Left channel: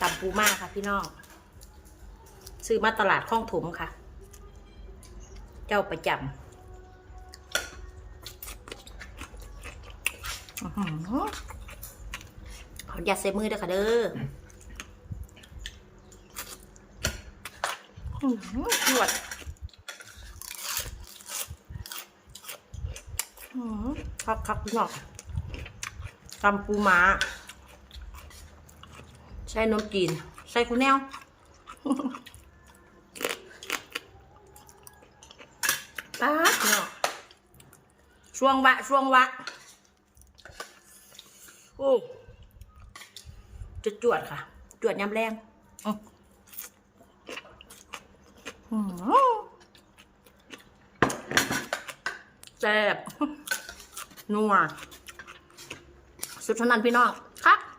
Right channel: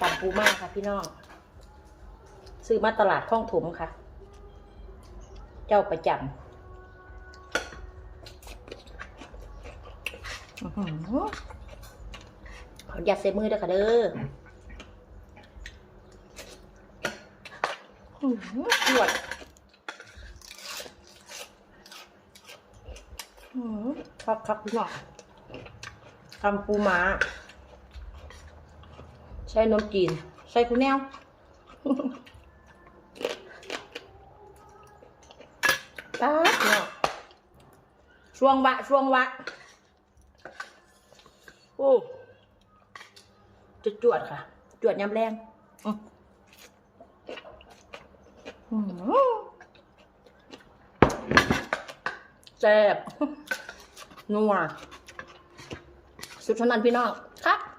ตำปูมาค่ะพี่น้อง ซื้อมาตลาดคลองถมค่ะ เจ้าประจำอื้อขออย่าตใส่มือเด้อค่ะเด้อหือปวดอื้อหือครับครับพี่น้องตำปูม้า ส่นมจีนใส่คุณแนวป๊าช่วงวะช่วงวะโอ้จุดจวดค่ะ จวดยำแรงอื้อหือแซ่บนัวสุดเท่านั้นพี่น้องครับ